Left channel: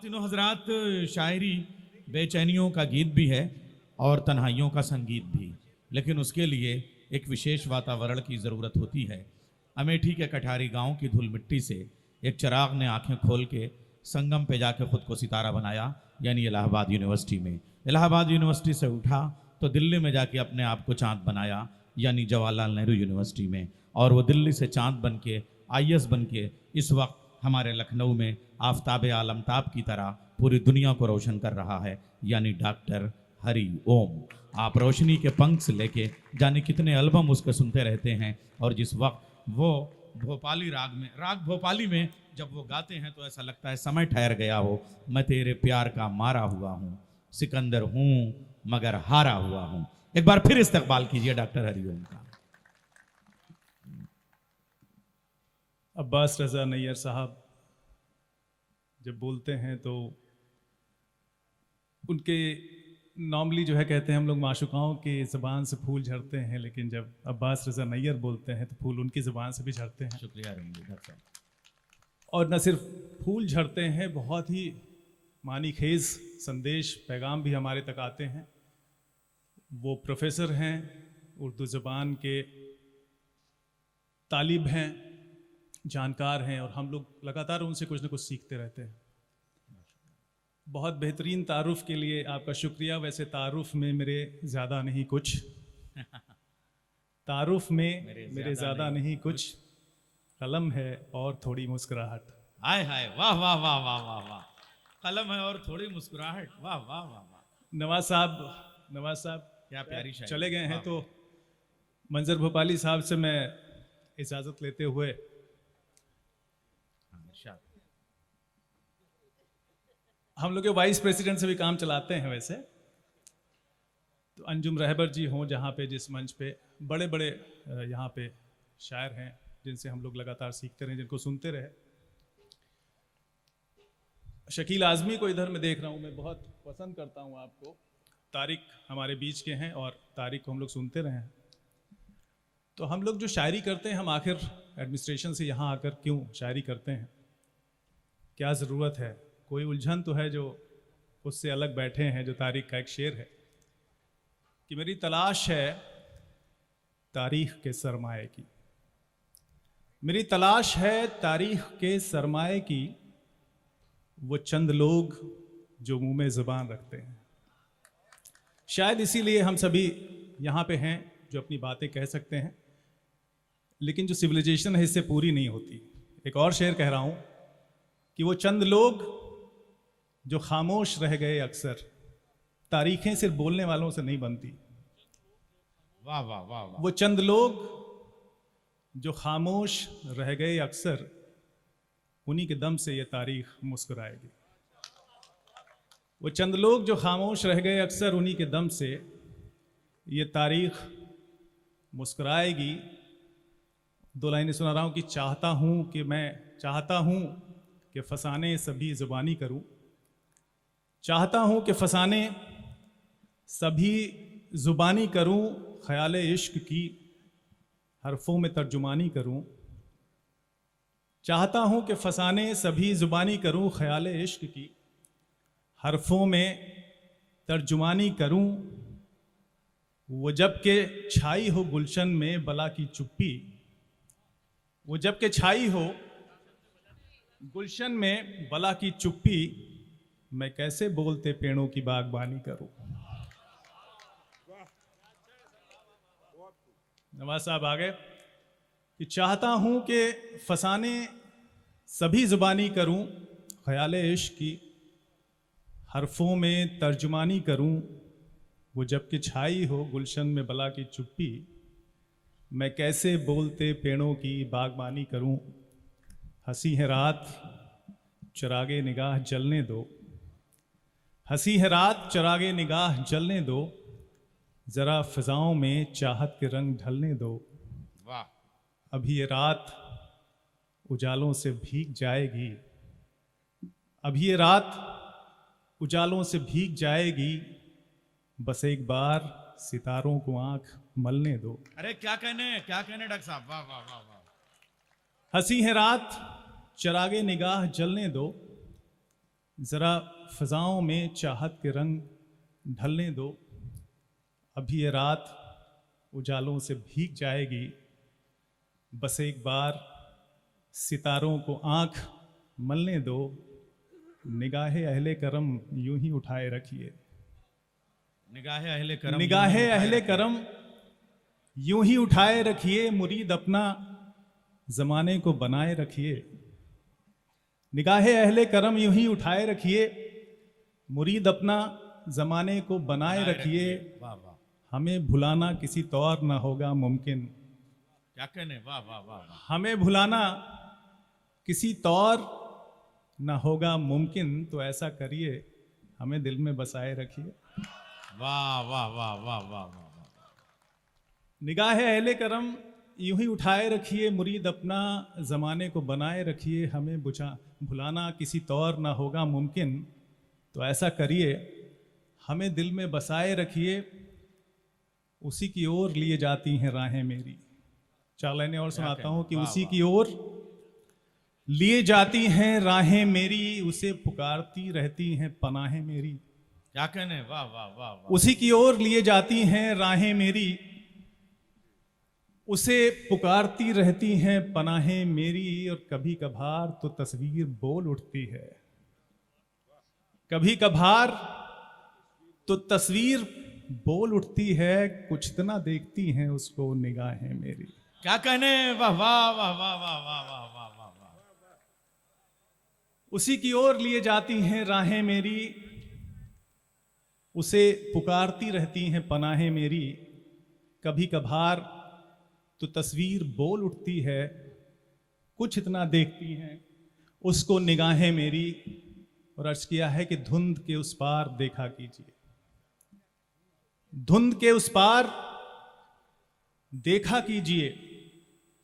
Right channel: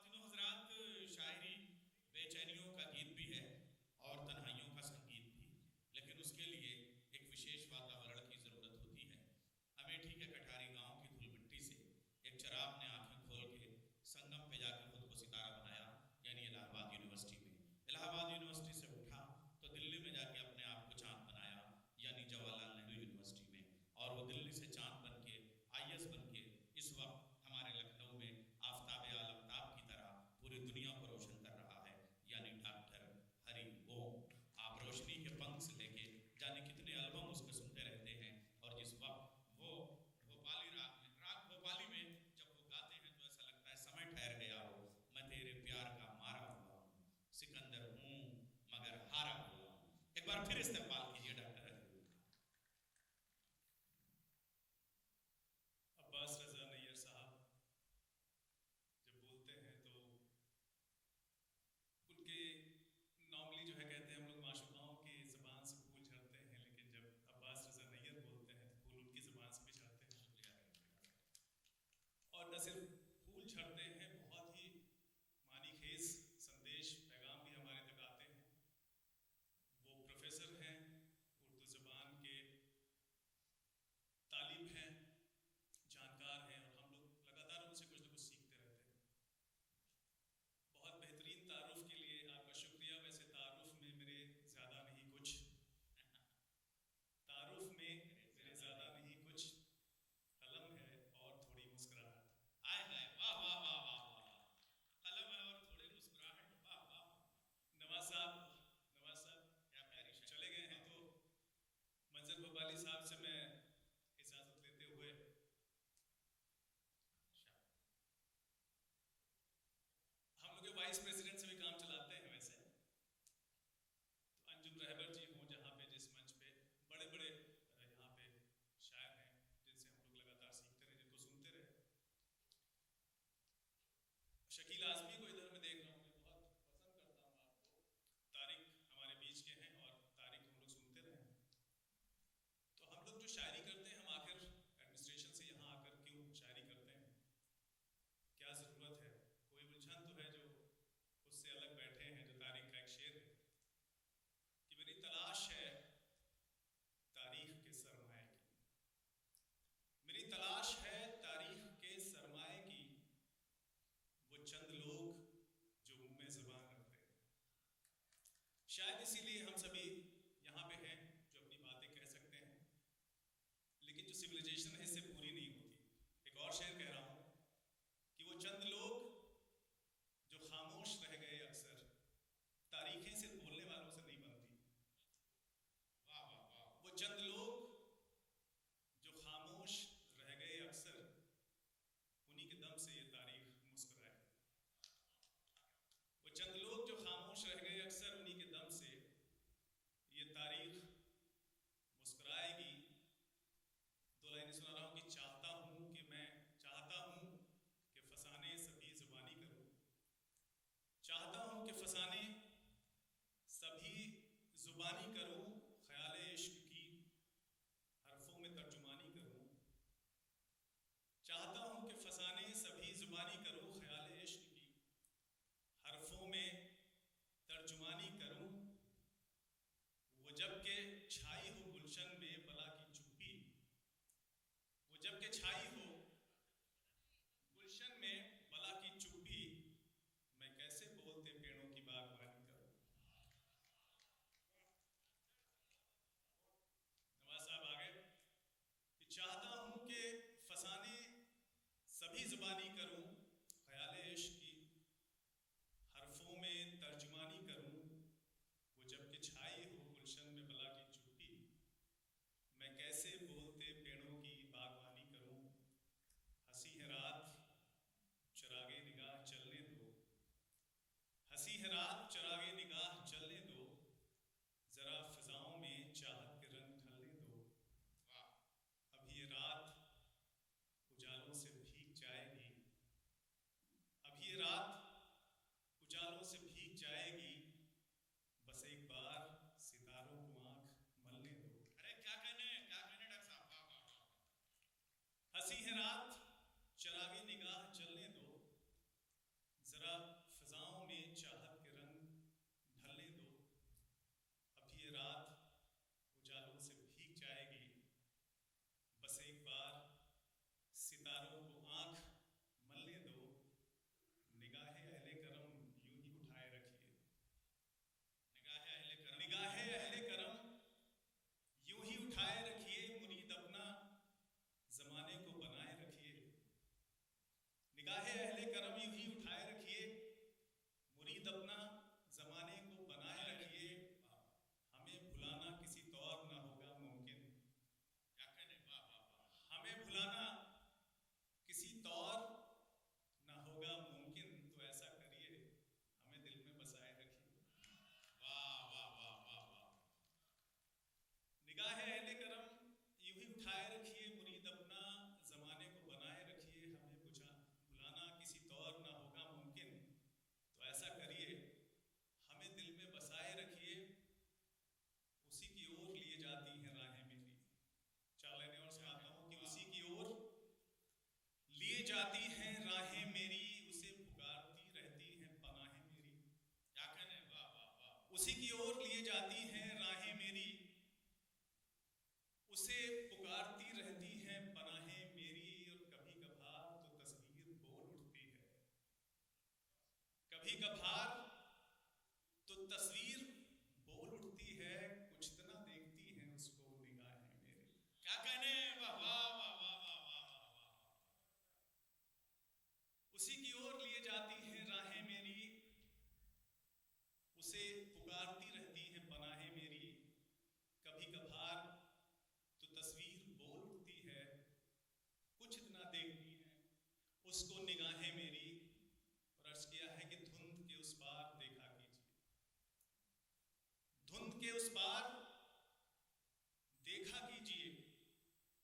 ख्वातीनो हजरात, शायरी बेचैनियों का गीत भी है और तन्हाइयों का संगीत भी, लेकिन उसके लिए एक विशेष वातावरण की ज़रूरत होती है। अमेठी के कठारी गांव की धूल मिट्टी से एक चिराग ने आंखें खोल के संगम पे जाके खुद को सितारा बनाया, यानी इलाहाबाद यूनिवर्सिटी में। इलाहाबाद यूनिवर्सिटी से उठा तो दिल्ली में जाके अपने आप को चाँद बनाया, यानी जवाहरलाल नेहरू यूनिवर्सिटी में। और वो दिल्ली से चाँद बन के IAS बन के इस वक्त हमारे लखनऊ में आफताब आलमताब की तरह पूरी दुनिया को रोशन कर रहा है, यानी डॉक्टर हरि ओम। आप रोशनी के पंख से लेके जाने कितने एल्बम उसके सुनते रहते हैं, और जिस वक्त वो भोपाली राग भोपाली में जब वो गाते हैं तो ऐसा लगता है समय ठहर गया हो। मैं तेरे प्यार का मारा हुआ हूँ, सिकंदर हूँ मगर हारा हुआ हूँ। एक बार फिर इस्तकबाल कीजिए डॉक्टर हरिओम का। अब्बास रज़ा नैयर साहब जब बोलते हैं तो उनके नॉर्मली जो है कहते हैं हम लोग माशुकाओं की ज़बान से फूल झड़ते हैं, लेकिन जब अब्बास रज़ा नैयर बोलते हैं तो फूल उनकी ज़बान से भी झड़ते हैं। शुक्रिया रंजीत साहब। और न सिर्फ फूल झड़ते हैं, बहुत ही मानी खेज़ संदेश पैगाम भी हमारे तक आते हैं। वो प्रोफेसर हैं, उर्दू ज़बान के तालिब हैं, जानकार हैं, और हम लोग लगातार उनसे कुछ न कुछ सीखते रहते हैं। बहुत बेहतरीन तारुफ के लिए आपका शुक्रिया। वैसे तारुफ में मेरे ज़्यादा नहीं कुछ, तारुफ में मेरे ज़्यादा नहीं कुछ, कलम है और थोड़ी मुस्कुराहट। हाय हाय, वाह वाह वाह वाह वाह वाह। कलम है और थोड़ी मुस्कुराहट, वाह वाह वाह वाह। नवाज साहब क्या प्यारी शायरी। चले गए हैं, तो मंजर भोपाली साहब से मैं इजाज़त लेते हुए हम लोग के वाइस प्रेसिडेंट से भी काम चलाते हैं। वैसे तो अंजुम रहबर जी हों जहाँ पे, जिस मंच पे बड़े बड़े यहाँ पे शायर हैं जिनसे हम लोग लगातार सीखते रहे, जिनको सुनते रहे। शकील आज़मी को इधर मैं देख रहा हूँ, मैं बहुत पसंद करता हूँ आपको। तारिक हमारे बीच के हैं और तारिक को हम लोग सुनते रहे हैं। तो हम लोग जो शायरी करते हैं, हम आखिर एडमिनिस्ट्रेशन से यहाँ आकर क्यों शायरी करते हैं, क्या ज़रूरत है? कोई उलझन तो है जो उससे अलग बैठे हैं। जो तारीख का एक शेर है कि मेरी तलाश है तारीख के सरमाए की, मेरी तलाश है तारीख के सरमाए की, वो चंद लोग जो मुंह में ज़ुबान रखते हैं। शायद इसीलिए हम सभी यहाँ पे हैं जो अपनी बातें कह सकते हैं, लेकिन जो सिविलाइजेशन है इससे पूरी नहीं होती। एक और शेर कह रहा हूँ कि वो चंद लोग जो खामोश रह गए अक्सर, तारीखें सिर्फ बोलने वालों से नहीं बनती। वाह वाह वाह वाह। वो चंद लोग जो खामोश रह गए अक्सर, उन्हीं के दम से ये तारीख मुस्कुराएगी। वो चंद लोग जो खामोश रह गए अक्सर, उन्हीं के दम से ये तारीख मुस्कुराएगी। दो लाइनें सुना रहा हूँ कि चाहता हूँ कि मैं चाहता हूँ कि फसाने सभी ज़ुबानी करूँ, चाहता हूँ कि फसाने सभी ज़ुबानी करूँ, ख़याल इश्क की हरफों में तर्जुमानी करूँ। चाहता हूँ कि फसाने सभी ज़ुबानी करूँ, ख़याल इश्क की हरफों में तर्जुमानी करूँ। वो जब के छाई हो गुलशन में बला की चुप्पी, वो जब के छाई हो गुलशन में बला की चुप्पी, मैं कैसे बोलते पेड़ों की बागबानी करूं। नवाज साहब आ गए कि चाहता हूं कि फसाने सभी ज़ुबानी करूं, ख़याल इश्क की हरफों में तर्जुमानी करूं। वो जब कि छाई हो गुलशन में बला की चुप्पी, मैं कैसे बोलते पेड़ों की बागबानी करूं। हंसी है रात चरागे निगाह जलने दो, हंसी है रात चरागे निगाह जलने दो, ज़रा फ़िज़ाओं में चाहत के रंग ढलने दो। वाह। अभी ये रात उजालों से भीग जाएगी, अभी ये रात उजालों से भीग जाएगी, बस एक बार सितारों को आंख मलने दो। अरे क्या कहने डॉक्टर साहब, वाह वाह वाह वाह। हंसी है रात चरागे निगाह जलने दो, ज़रा फ़िज़ाओं में चाहत के रंग ढलने दो, अभी ये रात उजालों से भीग जाएगी, बस एक बार सितारों को आँख मलने दो, निगाहे अहले करम यूं ही उठाए रखिए, निगाहे अहले करम निगाहे अहले करम यूं ही उठाए रखिए, मुरीद अपना ज़माने को बनाए रखिए, निगाहे अहले करम यूं ही उठाए रखिए, मुरीद अपना ज़माने को बनाए रखिए, वाह वाह, हमें भुलाना किसी तौर ना होगा मुमकिन, क्या कहने, वाह वाह वाह वाह, हमें भुलाना किसी तौर ना होगा मुमकिन, तो ऐसा करिए हमें दिल में बसाए रखिए। वाह वाह वाह वाह वाह वाह, निगाहे अहले करम यूं ही उठाए रखिए, मुरीद अपना ज़माने को बनाए रखिए, हमें भुलाना किसी तौर ना होगा मुमकिन, तो ऐसा करिए हमें दिल में बसाए रखिए, उसी की ओर लिए जाती हैं राहें मेरी। 4 लाइनें और सुनाता हूँ कि उसी की ओर लिए जाती हैं राहें मेरी, उसे पुकारती रहती हैं पनाहें मेरी। क्या कहने, वाह वाह वाह वाह, उसी की ओर लिए जाती हैं राहें मेरी, उसे पुकारती रहती हैं पनाहें मेरी, और कभी कभार तो तस्वीर बोल उठती है, कभी कभार तो तस्वीर बोल उठती है, कुछ इतना देखती हैं उसको निगाहें मेरी। क्या कहने, वाह वाह वाह वाह वाह वाह वाह वाह वाह वाह, उसी की ओर लिए जाती हैं राहें मेरी, उसे पुकारती रहती हैं पनाहें मेरी, कभी कभार तो तस्वीर बोल उठती है, कुछ इतना देखती हैं उसको निगाहें मेरी। और अर्ज किया है कि धुंध के उस पार देखा कीजिए, धुंध के उस पार देखा कीजिए,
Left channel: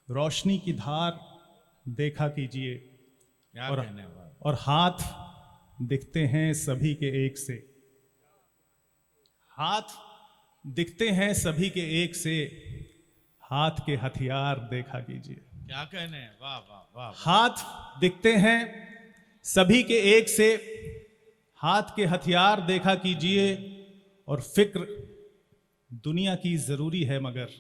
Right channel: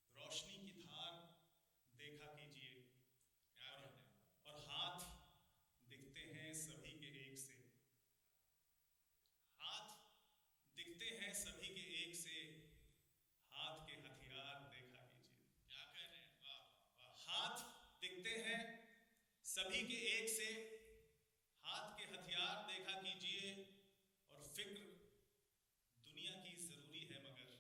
रोशनी की धार देखा कीजिए, क्या और कहने, वाह, और हाथ दिखते हैं सभी के एक से, हाथ दिखते हैं सभी के एक से, हाथ के हथियार देखा कीजिए। क्या कहने, वाह वाह वाह, हाथ दिखते हैं सभी के एक से, हाथ के हथियार देखा कीजिए, और फिक्र दुनिया की जरूरी है मगर,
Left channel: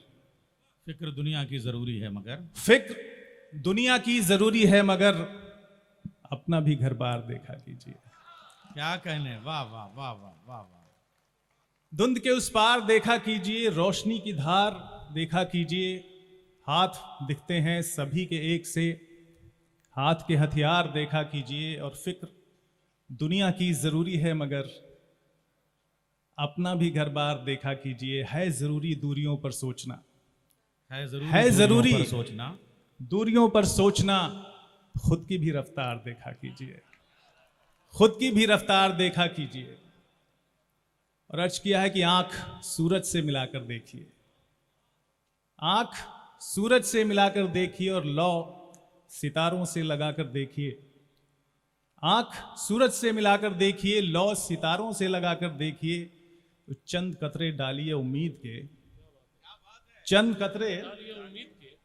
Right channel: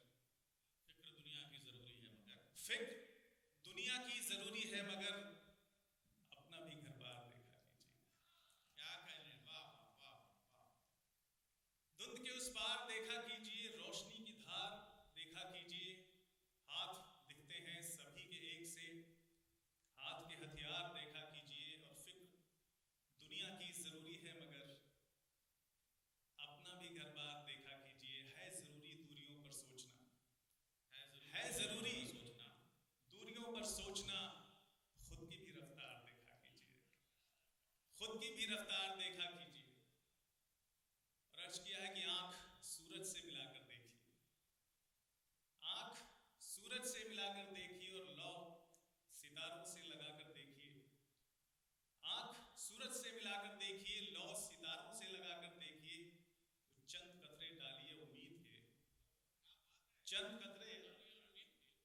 फिक्र दुनिया की जरूरी है मगर, फिक्र दुनिया की जरूरी है मगर, अपना भी घर बार देखा कीजिए। क्या कहने, वाह वाह वाह वाह वाह वाह, धुंध के उस पार देखा कीजिए, रोशनी की धार देखा कीजिए, हाथ दिखते हैं सभी के एक से, हाथ के हथियार देखा कीजिए, और फिक्र दुनिया की जरूरी है मगर, अपना भी घर बार देखा कीजिए। है जरूरी दूरियों पर सोचना, है है जरूरी दूरियों पर सोचना, दूरियों पर सोचना, खुद की भी रफ्तार देखा कीजिए, खुद की भी रफ्तार देखा कीजिए। और अर्ज किया है कि आंख सूरज से मिलाकर देखिए, आंख सूरज से मिलाकर देखिए, और लौ सितारों से लगाकर देखिए, आंख सूरज से मिलाकर देखिए, लौ सितारों से लगाकर देखिए, तो चंद कतरे डालिए उम्मीद के, चंद कतरे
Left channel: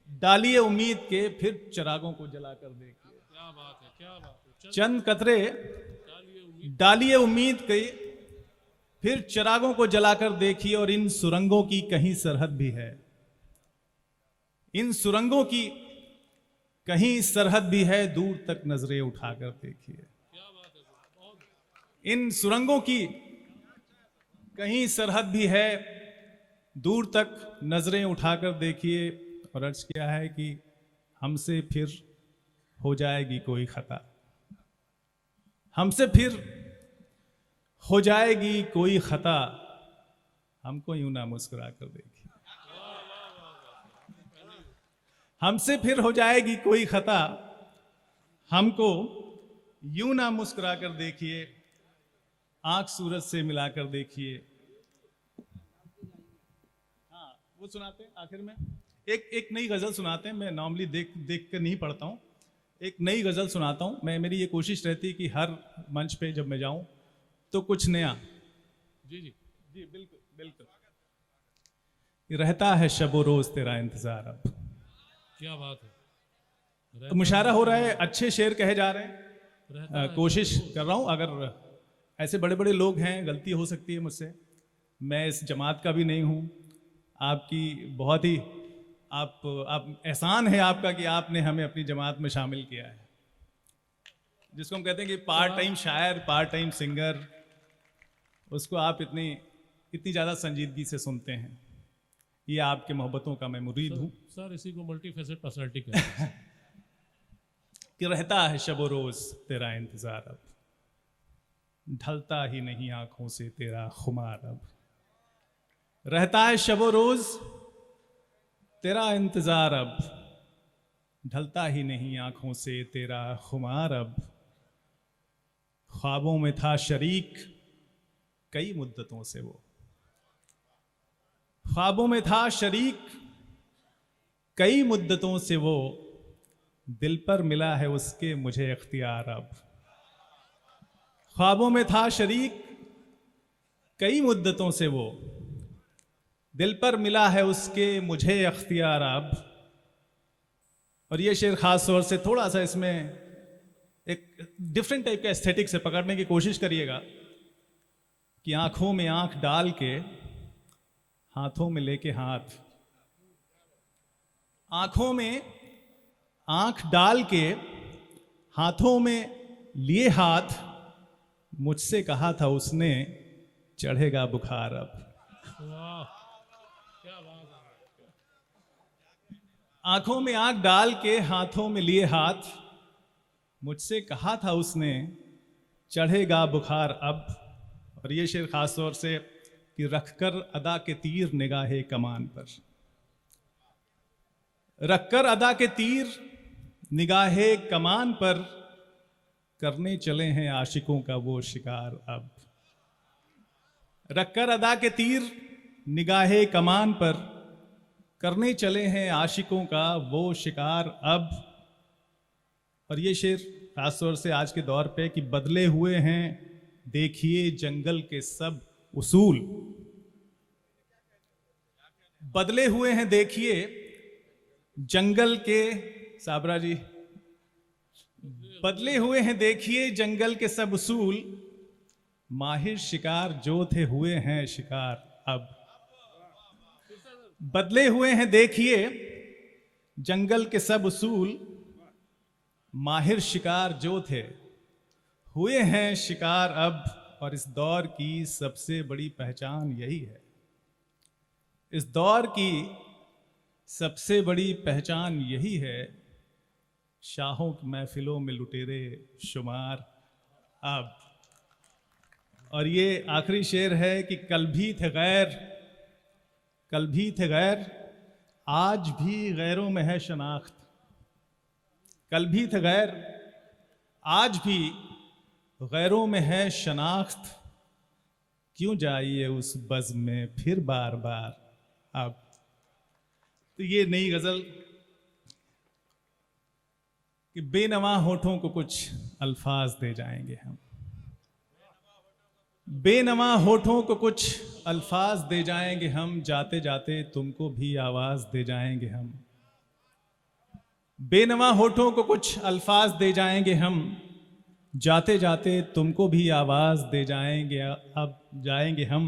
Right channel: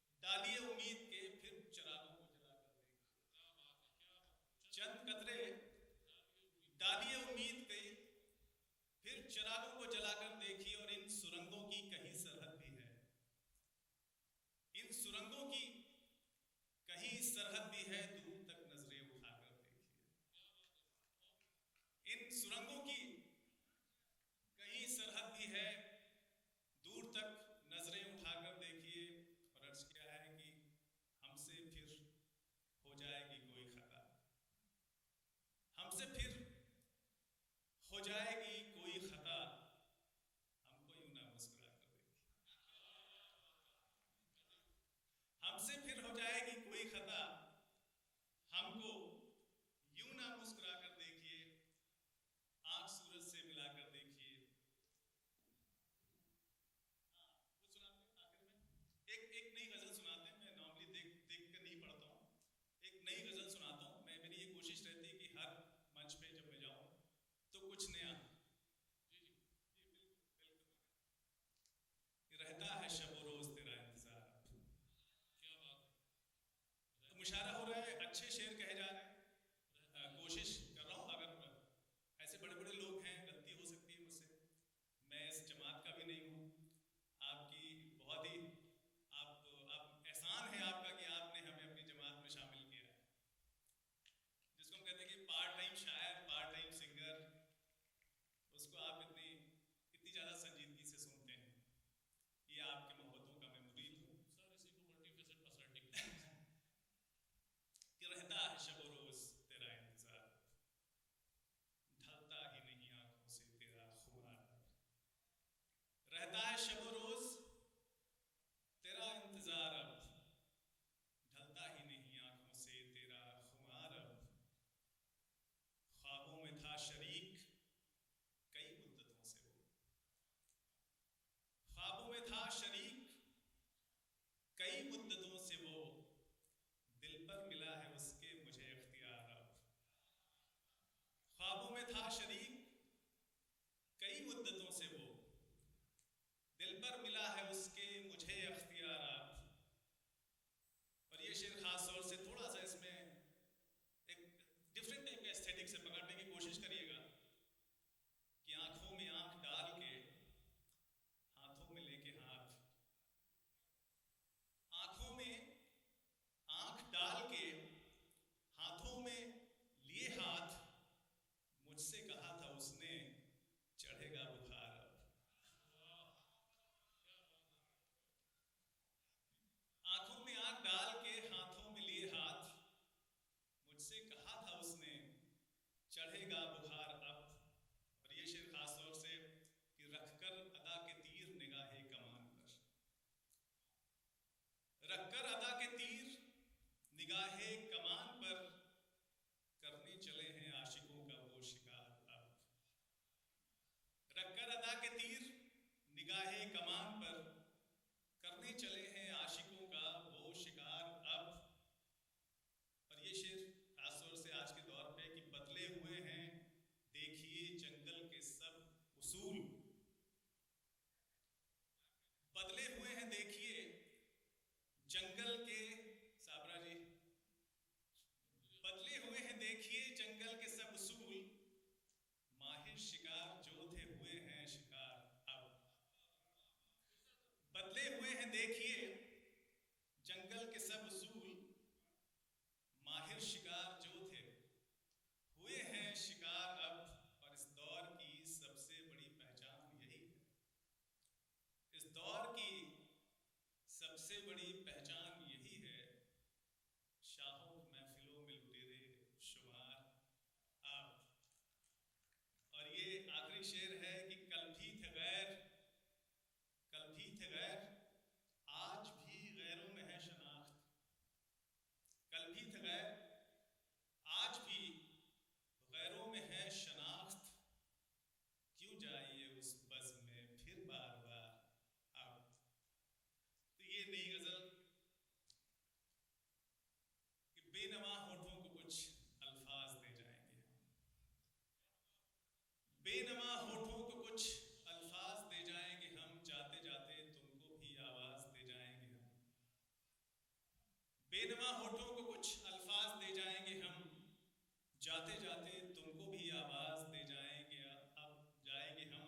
डालिए उम्मीद के, फिर चिरागों को जलाकर देखिए। क्या बात है, क्या बात है, चंद कतरे डालिए उम्मीद के, फिर चिरागों को जलाकर देखिए, और इन सुरंगों की कहीं सरहद भी है, इन सुरंगों की कहीं सरहद भी है, दूर तक नजरें उठाकर देखिए। इन सुरंगों की कहीं सरहद भी है, दूर तक नजरें उठाकर देखिए। और अर्ज किया है कि हमसे फिर हो जाएगी कोई खता, हमसे फिर हो जाएगी कोई खता, हमको यूं ना मुस्कुरा कर देखिए, हमसे फिर हो जाएगी कोई खता, हमको यूं ना मुस्कुरा कर देखिए, आंख सूरज से मिलाकर देखिए। हाँ, वो सुनाते हैं आखिर में, एक नई गजल सुनाते हैं। मैं नॉर्मली देख कर नहीं पढ़ता हूँ, एक नई गजल सुनाता हूँ। मेरी ये कोशिश रहती है कि हर मंच पे जब मैं जाऊं तो कुछ नया। जी जी जी बिल्कुल बिल्कुल। रहता है शबो रोज तेरा इंतजार अब, क्या बात है, तो मुशायरा हो रहा है, अच्छे शेर कहे जा रहे हैं, कोशिश कर रहा हूँ। अगर ऐसे बड़े बड़े लोग हैं, गलती हो सकती है मुझसे, मैं इस जमात का भी नहीं हूँ। आपकी बहुत ही आप एहसान है आपका कि आपने हमें अपनी जमात में शामिल किया है, जिसको हम कहते हैं कि पार्ट टाइम शायर, पार्ट टाइम सिंगर, उसको आप इतनी ज़्यादा संजीदगी से सुनते हैं। ये आपके मोहब्बतों का मैं मुरीद हूँ। सर इसी को मल्टी फेसेट पर्सनैलिटी कहते हैं। कि रहता है शब रोज तेरा इंतजार अब, ढलता ही नहीं आंखों से तेरा खुमार अब। रहता है शब रोज तेरा इंतजार अब, ढलता ही नहीं आंखों से तेरा खुमार अब। ख्वाबों में था शरीक कई मुद्दतों से वो, ख्वाबों में था शरीक कई मुद्दतों से वो, दिल पर मिला है उसके मुझे इख्तियार अब। ख्वाबों में था शरीक कई मुद्दतों से वो, दिल पर मिला है उसके मुझे इख्तियार अब। और ये शेर खास तौर से थोड़ा सा इसमें एक डिफरेंट टाइप का एस्थेटिक से पकड़ने की कोशिश करिएगा कि आंखों में आंख डाल के हाथों में लेके हाथ, आंखों में आंख डाल के हाथों में लिए हाथ, मुझसे कहा था उसने चढ़ेगा बुखार अब। वाह क्या बात है। आंखों में आंख डाल के हाथों में लिए हाथ, मुझसे कहा था उसने चढ़ेगा बुखार अब। और ये शेर खास तौर से कि रखकर अदा के तीर निगाहे कमान पर, रखकर अदा के तीर निगाहे कमान पर, करने चले हैं आशिकों का वो शिकार अब। रखकर अदा के तीर निगाहे कमान पर, करने चले हैं आशिकों का वो शिकार अब। और ये शेर खासतौर से आज के दौर पे कि बदले हुए हैं देखिए जंगल के सब उसूल, बदले हुए हैं देखिए जंगल के, साबरा जी, बदले हुए हैं देखिए जंगल के सब उसूल, माहिर शिकार जो थे हुए हैं शिकार अब। बदले हुए हैं देखिए जंगल के सब उसूल, माहिर शिकार जो थे हुए हैं शिकार अब। और इस दौर की सबसे बड़ी पहचान यही है, इस दौर की सबसे बड़ी पहचान यही है, शाहों की महफिलों में लुटेरे शुमार अब। और ये आखिरी शेर है कि कल भी थे गैर, कल भी थे गैर, आज भी गैरों में है शनाख्त। कल भी थे गैर, आज भी गैरों में है शनाख्त, क्यों जाइए उस बज़्म में फिर बार बार अब। तो ये नई गजल कि बेनवा होठों को कुछ अल्फाज दे जाएंगे हम, बेनवा होठों को कुछ अल्फाज दे जाएंगे हम, जाते जाते तुमको भी आवाज दे जाएंगे हम। बेनवा होठों को कुछ अल्फाज दे जाएंगे हम, जाते जाते तुमको भी आवाज दे जाएंगे अब जाएंगे हम।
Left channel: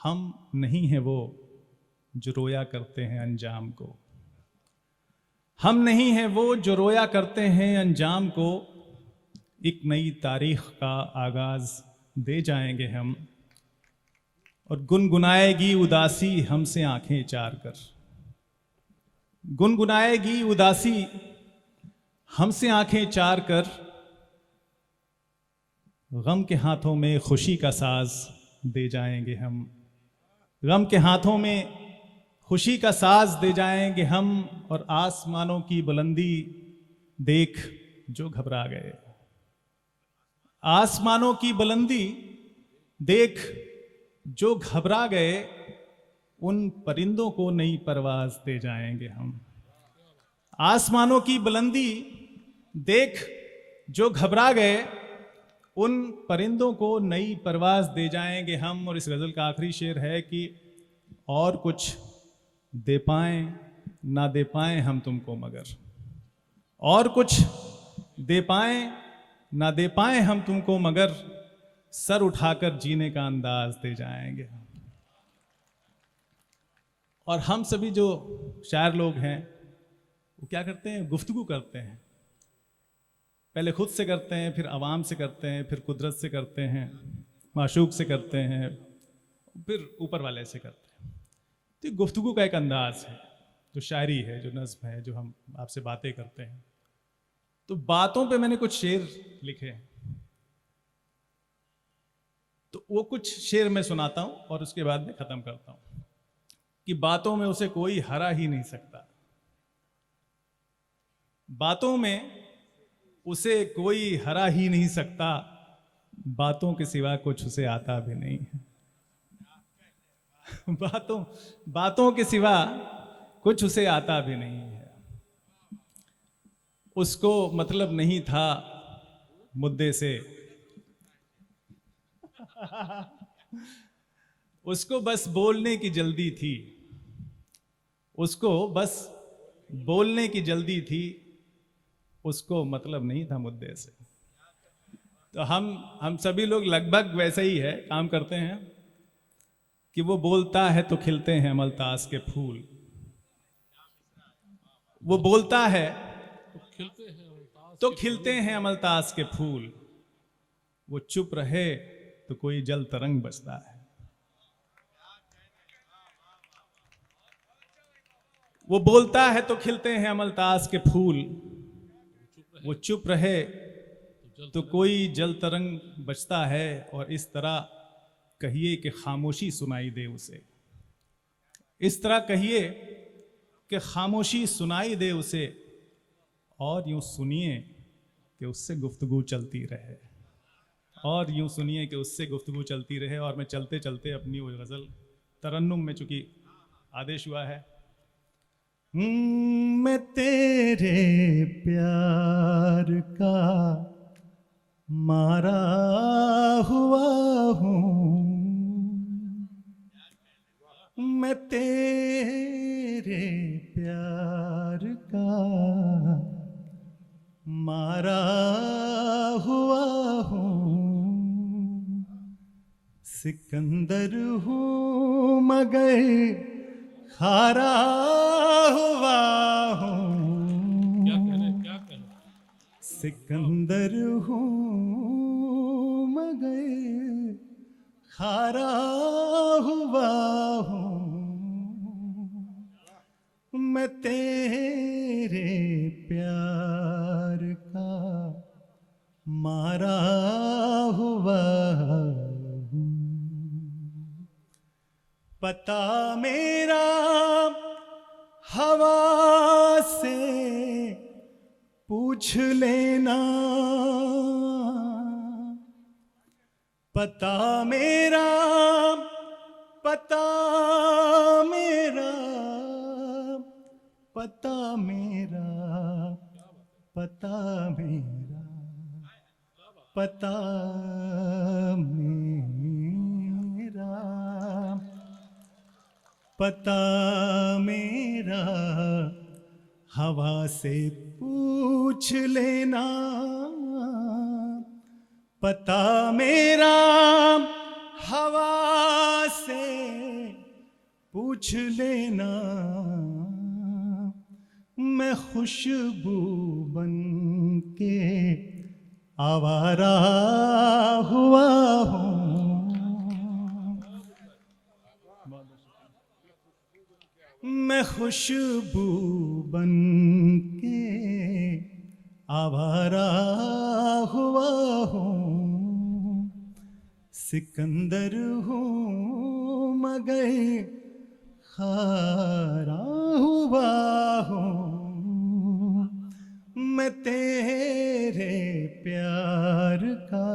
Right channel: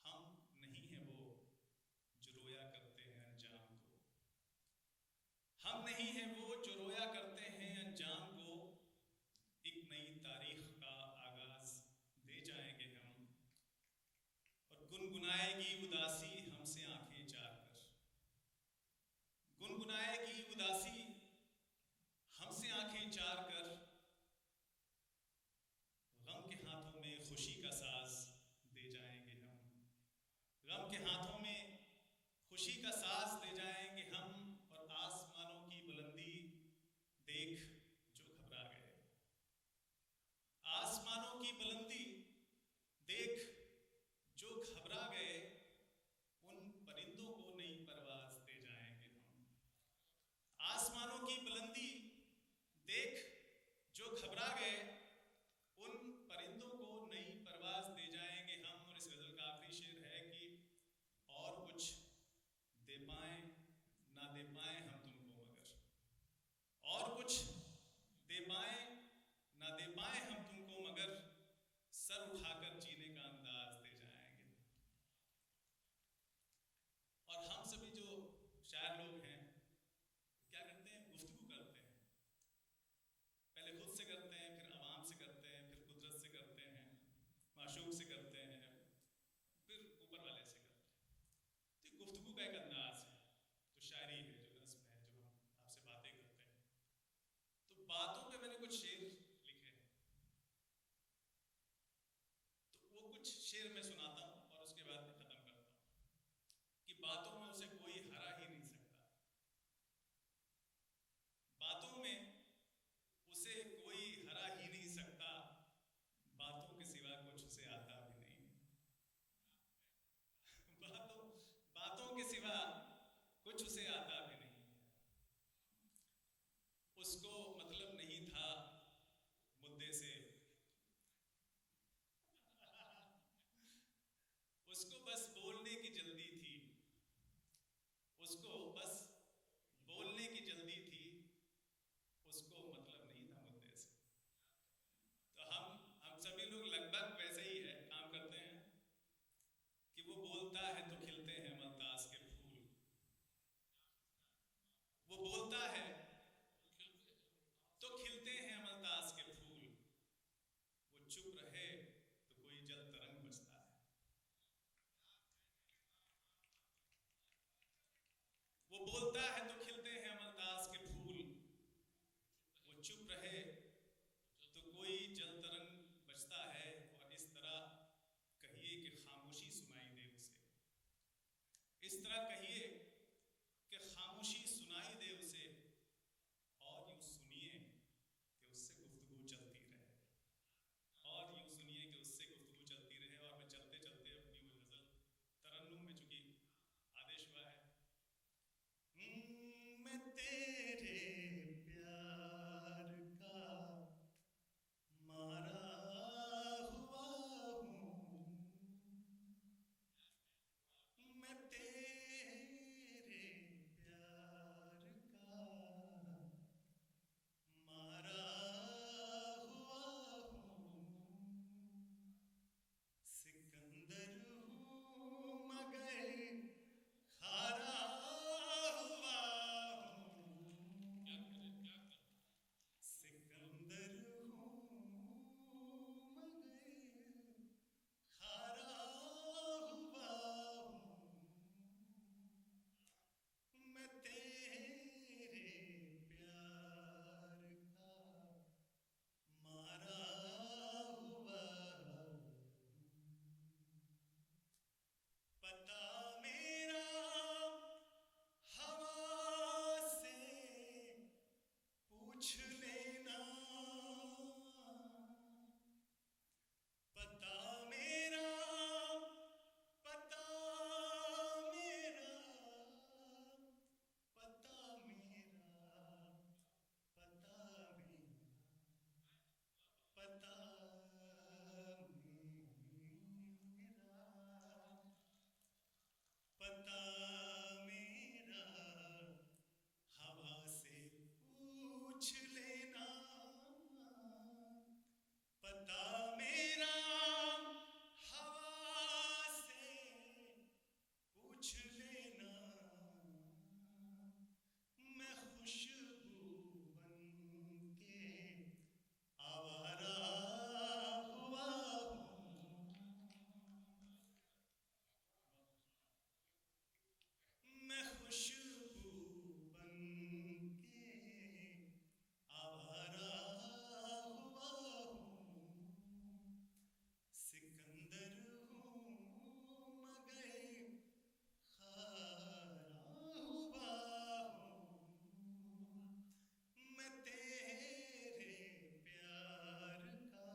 हम नहीं हैं वो जो रोया करते हैं अंजाम को, हम नहीं हैं वो जो रोया करते हैं अंजाम को, एक नई तारीख का आगाज दे जाएंगे हम। और गुनगुनाएगी उदासी हमसे आंखें चार कर, गुनगुनाएगी उदासी हमसे आंखें चार कर, गम के हाथों में खुशी का साज दे जाएंगे हम। गम के हाथों में खुशी का साज दे जाएंगे हम। और आसमानों की बुलंदी देख जो घबरा गए, आसमानों की बुलंदी देख जो घबरा गए, उन परिंदों को नई परवाज दे जाएंगे हम। आसमानों की बुलंदी देख जो घबरा गए, उन परिंदों को नई परवाज दे जाएंगे हम। और इस गजल का आखिरी शेर है कि और कुछ दे पाएं ना दे पाएं हम तुमको मगर, और कुछ दे पाएं ना दे पाए हम तुमको मगर सर उठाकर जीने का अंदाज दे जाएंगे। और हम सभी जो शायर लोग हैं वो क्या करते हैं, गुफ्तगू करते हैं। पहले खुद से करते हैं, फिर आवाम से करते हैं, फिर कुदरत से करते हैं, माशूक से करते हैं, फिर ऊपर वाले से करते हैं। तो ये गुफ्तगू का एक अंदाज है, जो शायरी है, जो नज़्म है, जो हम आपसे बातें करते हैं। तो बातों पे मैंने कुछ शेर लिखे हैं, तो वो कुछ शेर मैं सुनाता हूँ और उसके बाद मैं ख़त्म करता हूँ कि बातों में उसे कोई हरा ही नहीं सकता, बातों में उसे कोई हरा ही नहीं सकता, बातों के सिवा कुछ उसे आता भी नहीं है। बातों के सिवा कुछ उसे आता भी नहीं है। उसको मतलब नहीं था मुद्दे से, उसको बस बोलने की जल्दी थी, उसको बस बोलने की जल्दी थी, उसको मतलब नहीं था मुद्दे से। तो हम सभी लोग लगभग वैसे ही है काम करते हैं कि वो बोलता है तो खिलते हैं अमलतास के फूल, वो बोलता है तो खिलते हैं अमलतास के फूल, वो चुप रहे तो कोई जल तरंग बजता है। वो बोलता है तो खिलते हैं अमलतास के फूल, वो चुप रहे तो कोई जल तरंग बजता है। और इस तरह कहिए कि खामोशी सुनाई दे उसे, इस तरह कहिए कि खामोशी सुनाई दे उसे, और यूं सुनिए कि उससे गुफ्तगू चलती रहे, और यूं सुनिए कि उससे गुफ्तगू चलती रहे। और मैं चलते चलते अपनी वो गज़ल तरन्नुम में, चूंकि आदेश हुआ है, मैं तेरे प्यार का मारा हुआ हूँ, मैं तेरे प्यार का मारा हुआ हूँ, सिकंदर हूँ मगर हारा हुआ हूँ, क्या कह रहे सिकंदर हूँ मगर हारा हुआ हूँ, मैं तेरे प्यार का मारा हुआ हूँ। पता मेरा हवा से पूछ लेना, पता मेरा, पता मेरा, पता मेरा, पता मेरा, पता मेरा, पता मेरा हवा से पूछ लेना, पता मेरा हवा से पूछ लेना, मैं खुशबू बन के आवारा हुआ हूँ, मैं खुशबू बन के आवारा हुआ हूँ, सिकंदर हूँ मगर हारा हुआ हूँ, मैं तेरे प्यार का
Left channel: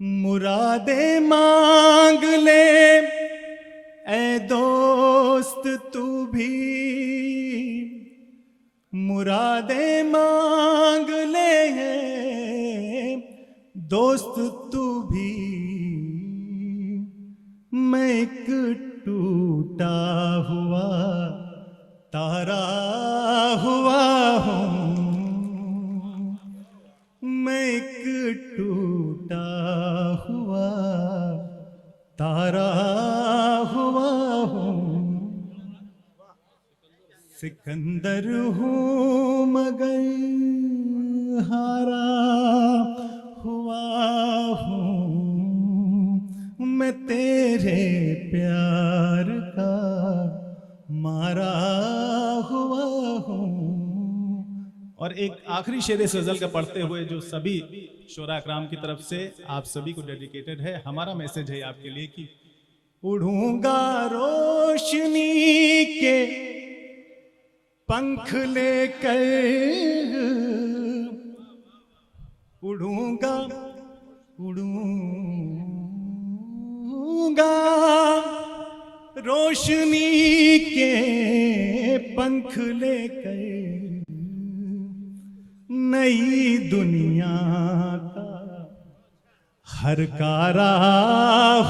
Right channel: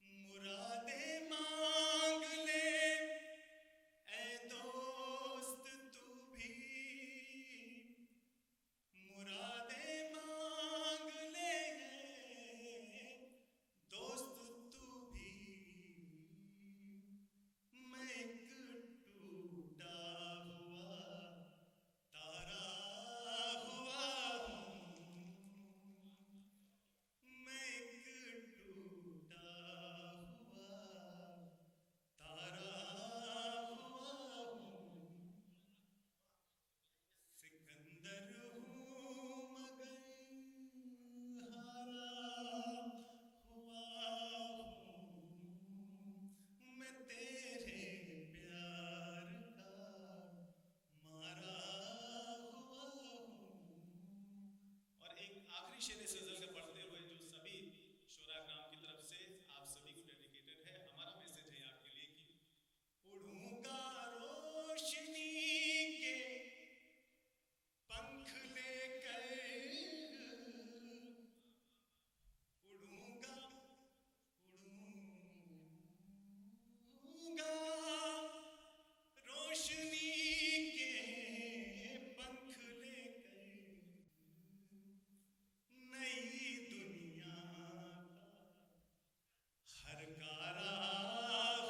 मुरादे मांग ले ऐ दोस्त तू भी, मुरादे मांग ले दोस्त तू भी, मैं एक टूटा हुआ तारा हुआ हूँ, सिकंदर हूँ मगर हारा हुआ हूँ, मैं तेरे प्यार का मारा हुआ हूँ। और एक आखिरी शेर इस गजल का पढ़ते हुए जो सभी शोरा अकराम की तरफ से आप सभी को डेडिकेटेड है, हमारा मैसेज है आपके लिए कि उड़ूंगा रोशनी के पंख लेकर, उड़ूंगा उड़ूंगा रोशनी के पंख लेकर, नई दुनिया का हर कारा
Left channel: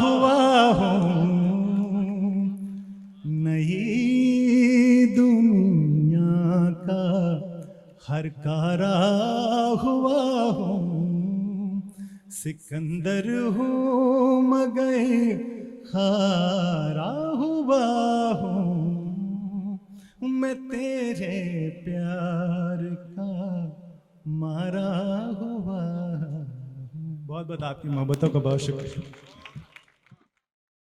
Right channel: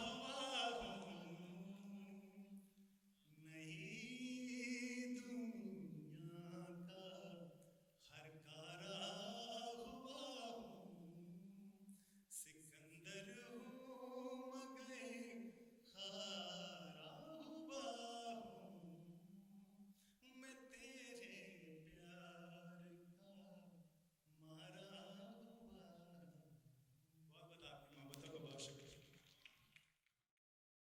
हुआ हूँ, नई दुनिया का हर कारा हुआ हूँ। सिकंदर हूँ मगर हारा हुआ हूँ, मैं तेरे प्यार का मारा हुआ। बहुत बहुत आपकी मोहब्बतों का बहुत शुक्रिया।